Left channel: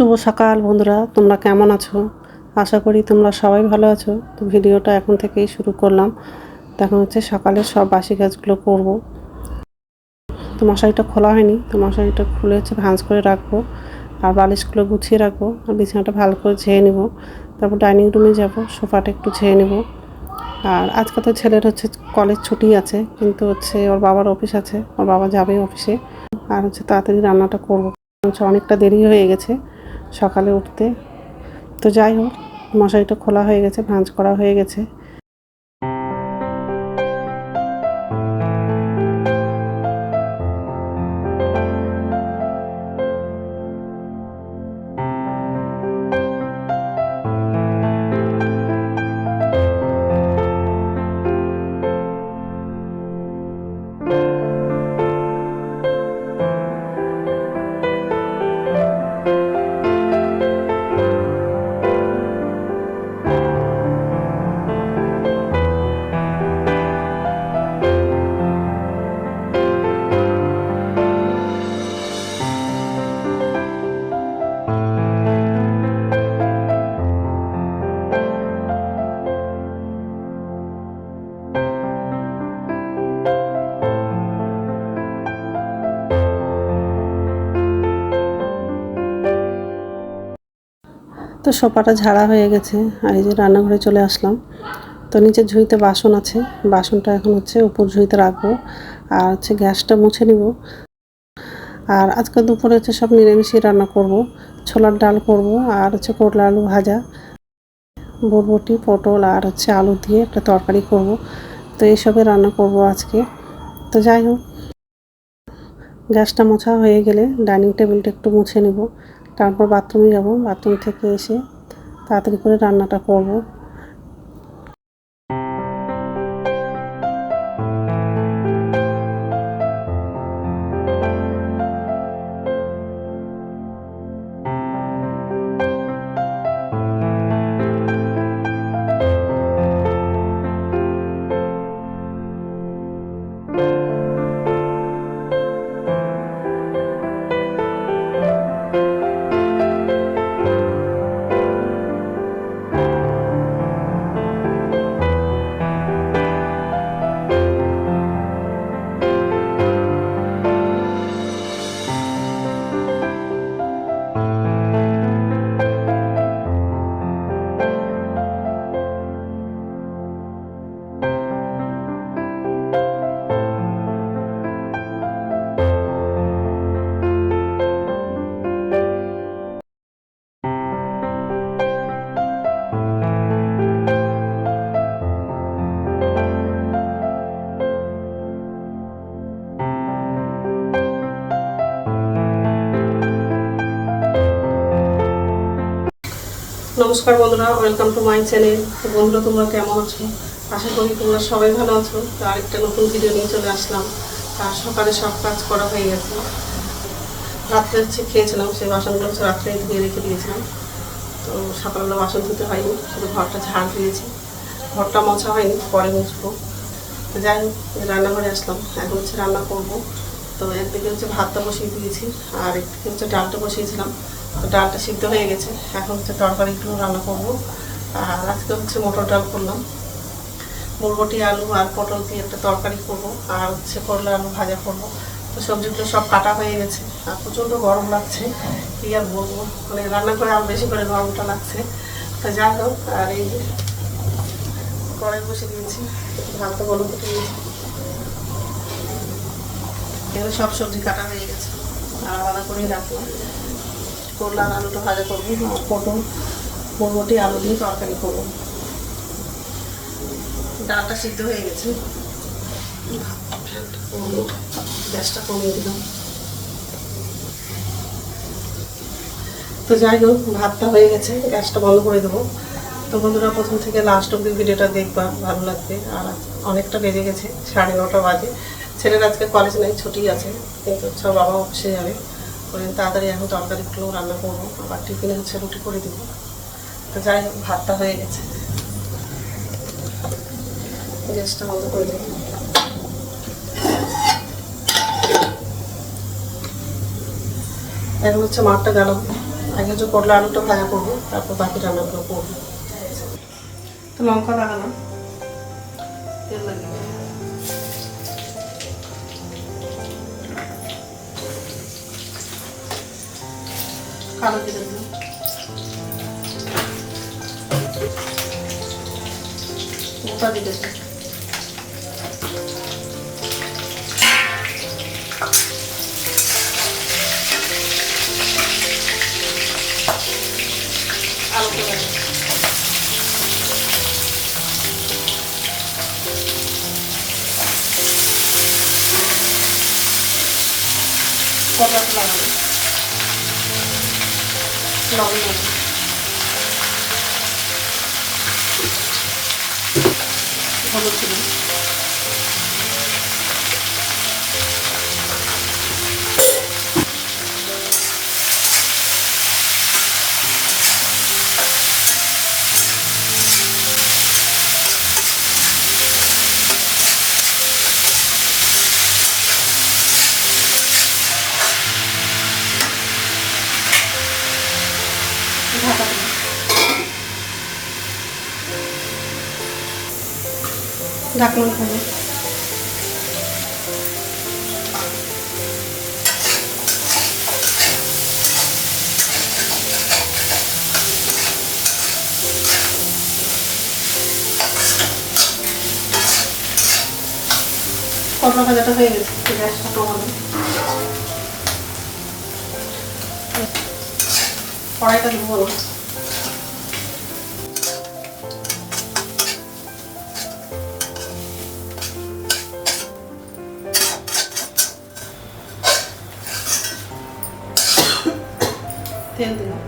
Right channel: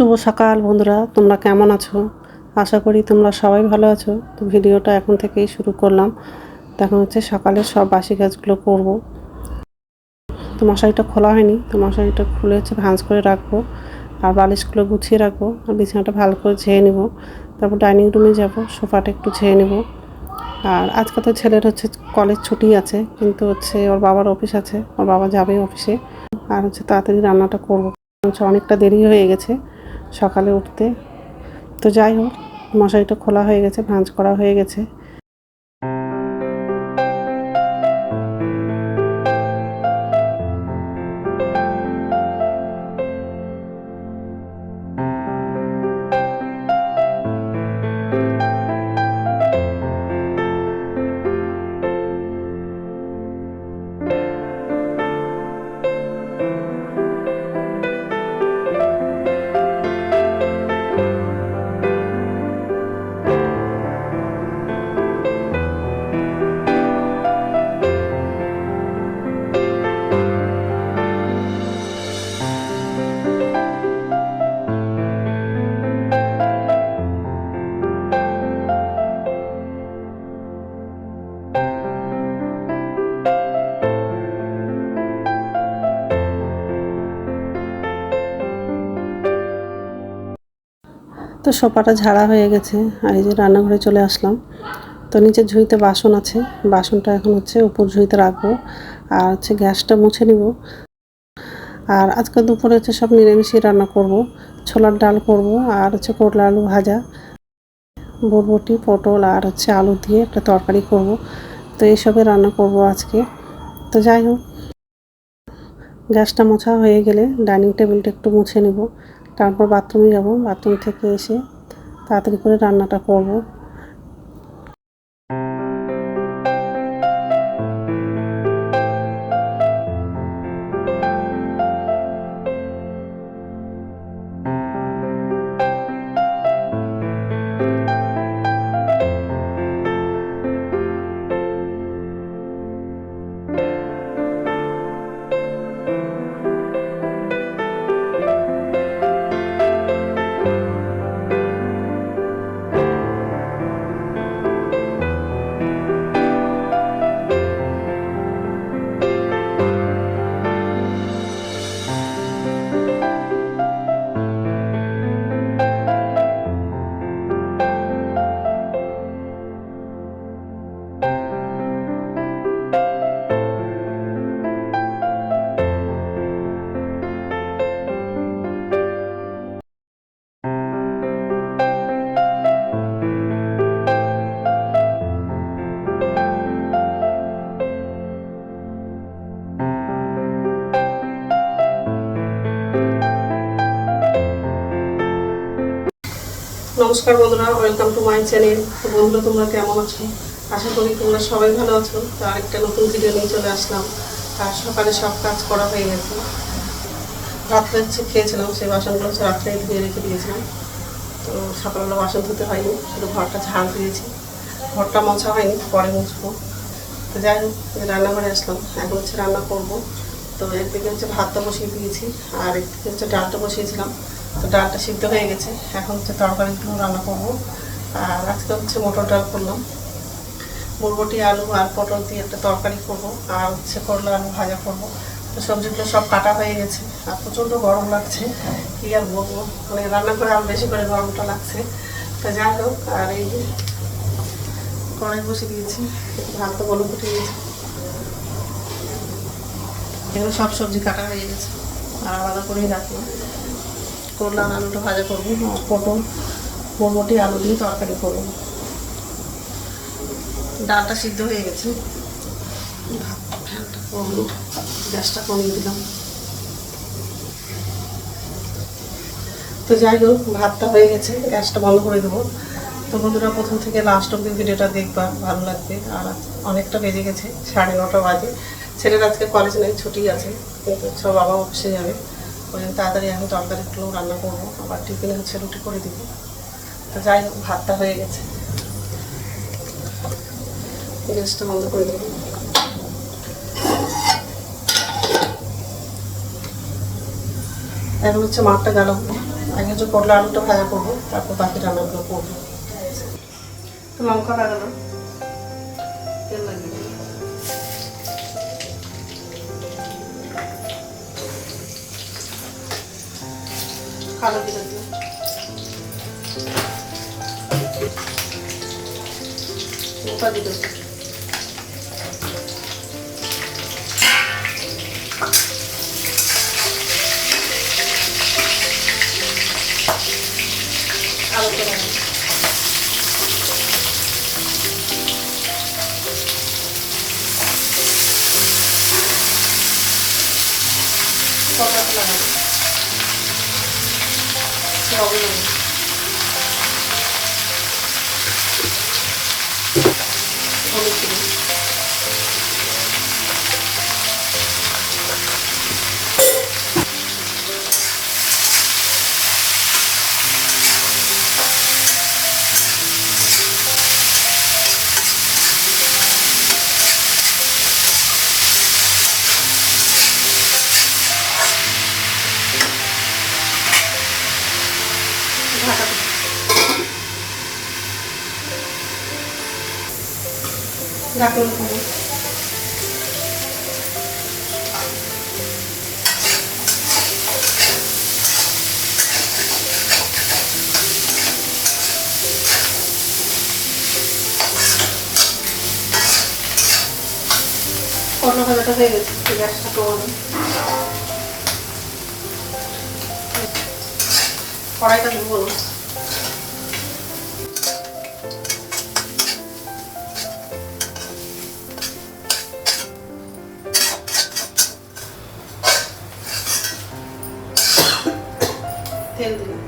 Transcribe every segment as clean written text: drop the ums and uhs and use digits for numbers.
শুভ সকাল বন্ধুরা, তোমরা কেমন আছো? আশা করি তোমরা সবাই ভালো আছো। তো ভিডিওটা এখন থেকেই শুরু করলাম। এখন হচ্ছে সকালের সব বাসি কাজগুলো করব। তো মশারিটা খোলা হয়নি, তো মশারিটা খুলে হচ্ছে ভাঁজ করে রাখবো, আর বালিশগুলো গুছিয়ে রাখবো, আর বিছানাটা ভালো করে ঝেয়ে নেব। তারপর ডাইনিং রুমে যাব, সোফাটা একটু ঝেয়ে নেব। আর আজকে তো ছেলের হচ্ছে কলেজ ছুটি আছে, কিন্তু হচ্ছে ওর বাবার অফিস আছে, ওর বাবা যাবে অফিসে। আর হচ্ছে তাড়াতাড়ি রান্নাটা করবো, অনেকটা দেরি হয়ে গেছে সকালে উঠতে। তো যাই হোক, মশারিটা খোলা হয়ে গেছে, ভাঁজ করা হয়ে গেছে। তো সোফাটা ঝাড়া হয়ে গেছে, আর এই যে রান্নাঘরে চলে আসলাম। তো নিচের ঝুড়িতে বাসন আছে, বাসনটা এখন হচ্ছে উপর ঝুড়িতে রাখবো, আর হচ্ছে গ্যাসটা মুছে নিব। আর আজকে দুপুরে হচ্ছে সব নিরামিষই রান্না করব। ছোলার ডাল করব, আর হচ্ছে করলা আলু ভাজা, বরবটি পটল আর হচ্ছে আলু দিয়ে একটা তরকারি করব। তো এইসবে রান্না করব আজকে। তো যাই হোক, গ্যাসটা মোছা হয়ে গেলে ডাইনিং টেবিলটা একটু মুছে নেব, তারপর বাথরুমে যাব। বাথরুম থেকে এসে তাড়াতাড়ি করে রান্নাটা করব। নমস্কার বন্ধুরা, ওয়েলকাম টু মাই চ্যানেল। তো বন্ধুরা, তোমরা কেমন আছো? আশা করি তোমরা সবাই ভালো আছো। তো আরেকটা নতুন ভিডিও নিয়ে চলে আসলাম। আর সকালে সব কাজ করা হয়ে গেছে। রাত্রে হচ্ছে খেয়েছিলাম, সেই বাসনগুলো হচ্ছে রাত্রে ধুয়ে রেখে দিয়েছিলাম। তো সকালবেলা বাসন ধুতে হয়নি, শুধু ঘরটা ঝাড় দিয়েছি, ঘরটা মোছা হয়নি, পরে মুছবো। তো যাই হোক, রান্নাঘরে আসলাম, এখন হচ্ছে রান্না করবো। তো একদিকে হচ্ছে ভাতটা বসিয়ে দিয়েছি, আর একদিকে হচ্ছে ডালটা বসিয়েছিলাম। তো ডালটা সিদ্ধ হয়ে গেছে, এখন হচ্ছে তরকারিগুলো রান্না করবো। আর আজকে হচ্ছে মটর ডাল করলাম, বরবটি আলু আর পটল দিয়ে একটা তরকারি করবো, আর হচ্ছে করলা আলু ভাজা করবো। তো সবজিগুলো সব কাটা হয়ে গেছে, আর প্রচণ্ড গরম লাগছে, কী আর বলবো, মানে রান্না করে আরও বেশি করে গরমটা লাগছে। তো যাই হোক, আর এই কড়াই বসে দিয়েছি, ভাতটা গরম করে দিয়েছি। এগুলো সব সবজি কাটা হয়ে গেছে, আর আলাদা করেই রাখবো। করলা আর আলুটা ভাজা করবো, আর পটল বরবটি আলু দিয়ে তরকারি করবো। ডালটা সিদ্ধ হয়ে গেছে, গ্যাসটা কমিয়ে দিলাম। তো যাই হোক, ভাতটা হয়ে গেছে, গ্যাসটা বন্ধ করে দেবো। তো বন্ধুরা, প্রথম থেকে লাস্ট অব্দি ভিডিওটা দেখবা, ভালো লাগবে। আর অনেকটা বেজে গেছে, 9:30 বাজে। ছেলের আজকে কলেজ নেই, ছুটি আছে, কিন্তু সব বাবা অফিসে যাবে। ওই তাড়াতাড়ি এখন তরকারিগুলো রান্না করবো, আবার টিফিনে হচ্ছে রুটি করে দেবো। তো যাই হোক, ভাতটা হয়ে গেছে, গ্যাসটা বন্ধ করে দেবো। এখন হচ্ছে মাঠটা গেলাম, আগে যে করলা আলুটা ভাজা করবো, তারপর বাকি রান্নাগুলো করবো। লঙ্কা লাগালাম, তেল লাগিয়ে কালো জিরে দিলাম, লঙ্কা দিয়ে দিলাম, আলুটা লাগালাম, কলাটা লাগালাম, লবণ দিলাম, হলুদ দিলাম, ঢাকা দিলাম, ঢাকনা খুলে কলা ভাজাটা হয়ে গেছে, গ্যাসটা কমাবো, কড়াইটা ধুবো, তেল দিলাম,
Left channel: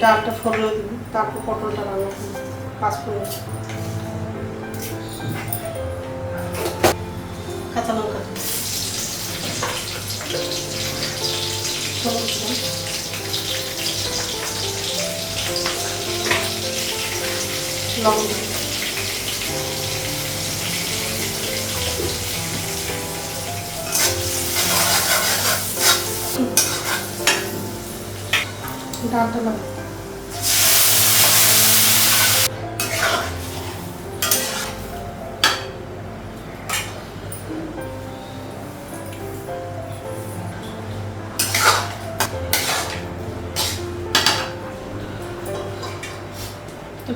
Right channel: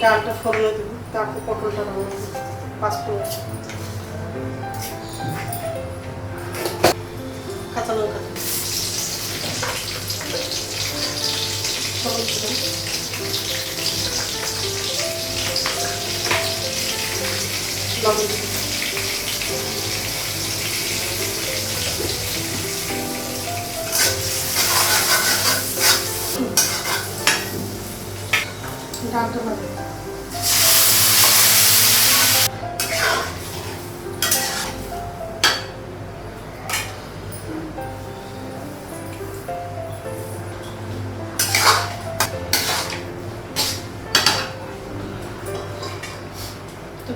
ডালটা ফোড়নে দিব, তারপর পটলটা রান্না দিব, পাঁচফোড়ন, কাঁচা লঙ্কা, হলুদ দিলাম, লবণ দিলাম, ডালটা লাগাই,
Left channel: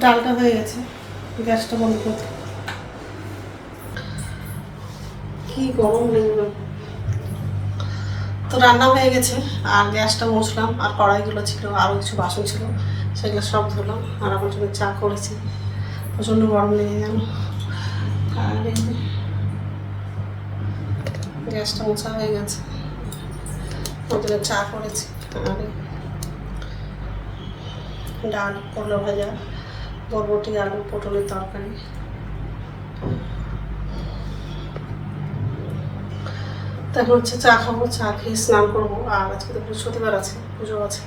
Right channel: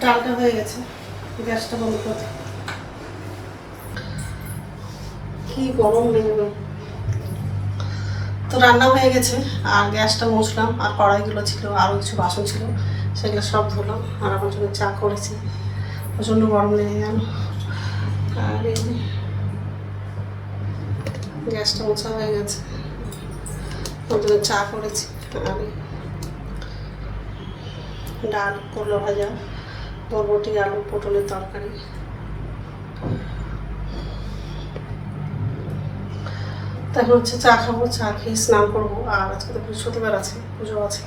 ডালটা হয়ে গেছে, গ্যাসটা বন্ধ করে দিই। কি গরম নেই, তো রান্না হয়ে গেছে, আর গ্যাসটা মুছলাম, আর কড়াইগুলো ছিল, আরও কিছু বাসন ছিল, সেগুলো সব ধুলাম, আর আমার জন্য চা করেছি, প্রচণ্ড গরম লেগে গেল। আর এই গ্যাসটা মোছা হয়ে গেছে, প্রথমে চা করেছি, আর ডাল, করলা ভাজা, বরবটি, আলু, পটলের তরকারি। তারপর হচ্ছে চা খাবো, চা খেয়ে স্নান করবো, আর আজকে তো বৃহস্পতিবার আছে, পুজো আছে।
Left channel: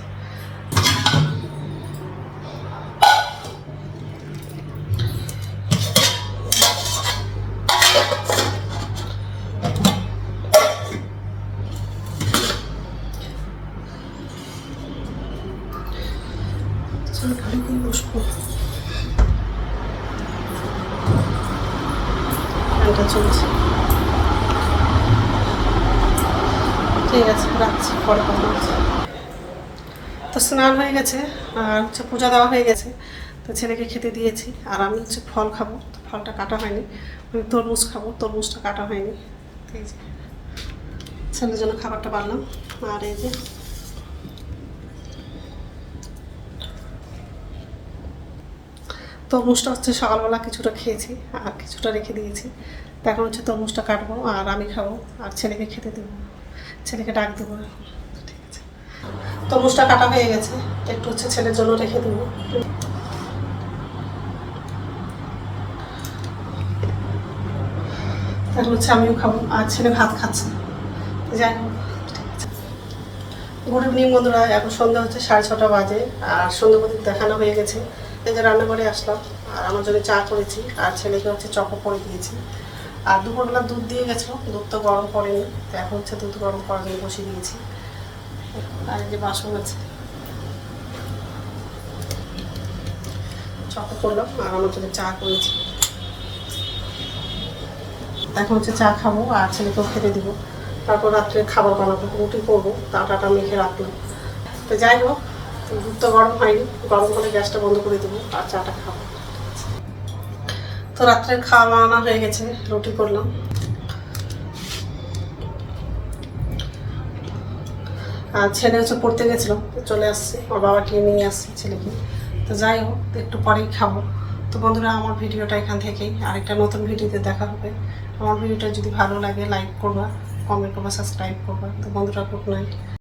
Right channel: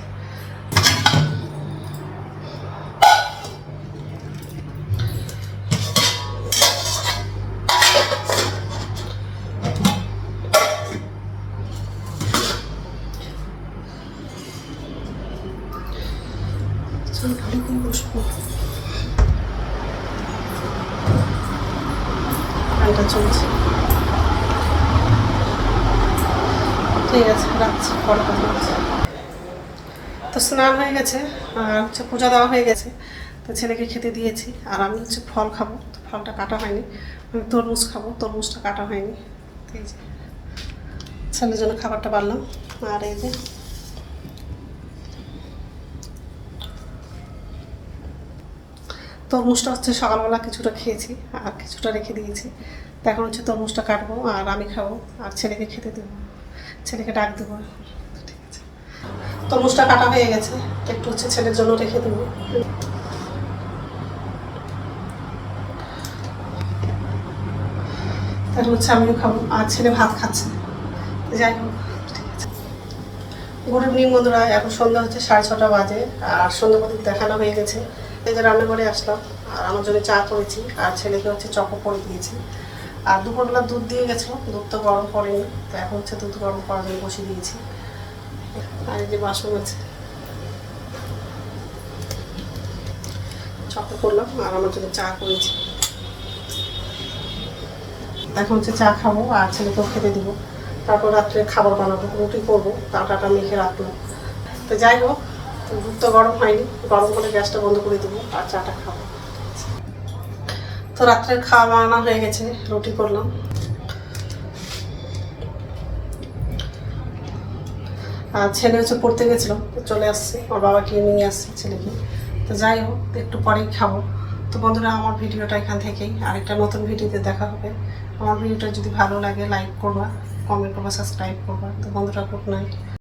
ঘরে করে বসবো, ফ্যানটা চলছে, ঠিক আছে রাখছি, পরে কথা বলছি। তো স্নান হয়ে গেছে, আর হচ্ছে পূজা দেওয়া হয়ে গেছে, তো ছেলেকে খেতে দিয়েছি, আর আমি হচ্ছে ফল খাবো, তো ফলটা কাটা হয়নি, আমি তরমুজ খাবো, তরমুজটা কাটা হয়নি, এই যে ছেলের জন্য খাবারটা বাড়লাম। আর এই যে তরমুজটা হচ্ছে সকালবেলা কিছুটা খেয়েছি, আর কিছুটা রেখে দিয়েছি, তো এখন হচ্ছে তরমুজটা কাটবো, আর আমি খাবো, আর ছেলেকে খেতে দেবো, ছেলেকে ডাক দেবো। ঠিক আছে, তরমুজটা কাটা হয়ে গেছে, একটু হচ্ছে ছেলের জন্য রেখে দেবো। তারপর হচ্ছে আমিও খাবো, আর ছেলে ভাত খাচ্ছে, যাই হোক। ঠিক আছে, গুড ইভিনিং বন্ধুরা, এখন সন্ধ্যা হচ্ছে 6:30 বাজে, আর সন্ধ্যা প্রদীপ দেখানো হয়ে গেছে। এই যে রান্নাঘরে আসলাম, আর আমার জন্য চা করেছি, আর ছেলেকে হচ্ছে চকো করে দিয়েছি, আর দুপুরবেলা দুধ দিয়ে গেছিলো, দুধ তো গরম করেনি, তো এখন হচ্ছে দুধ গরম করার জন্য বসিয়ে দিয়েছি। আর এই যে বাসন আছে, চা করলাম আর আমার জন্য চা করেছি। এখন হচ্ছে চা খাবো আর ছেলেকেও খেতে দিব, তারপর রাত্রে খাবার বানাবো, রুটি করবো, আটাটা মেখে রাখলাম। তো যাই হোক, দুধ তো গরম হয়নি, গরম হলে গ্যাসটা বন্ধ করে দেবো আর চাটা খাবো। তো রাত্রের খাওয়া বানানো হয়ে গেছে, রুটি করলাম। আর ছেলে হচ্ছে পড়তে গেছিলো, চলে আসছে, ওর বাবাকে নিয়ে আসছে ছেলেকে। তো যাই হোক, একটু পরেই খাবো। তো বন্ধুরা, আমার ভিডিওটা এখান থেকেই, আরেকটা নতুন ভিডিওতে দেখা হবে। আমার ভিডিওটা যদি ভালো লাগে লাইক করবা, কমেন্ট করবা, সাবস্ক্রাইব করবা। তো বন্ধুরা, গুড নাইট।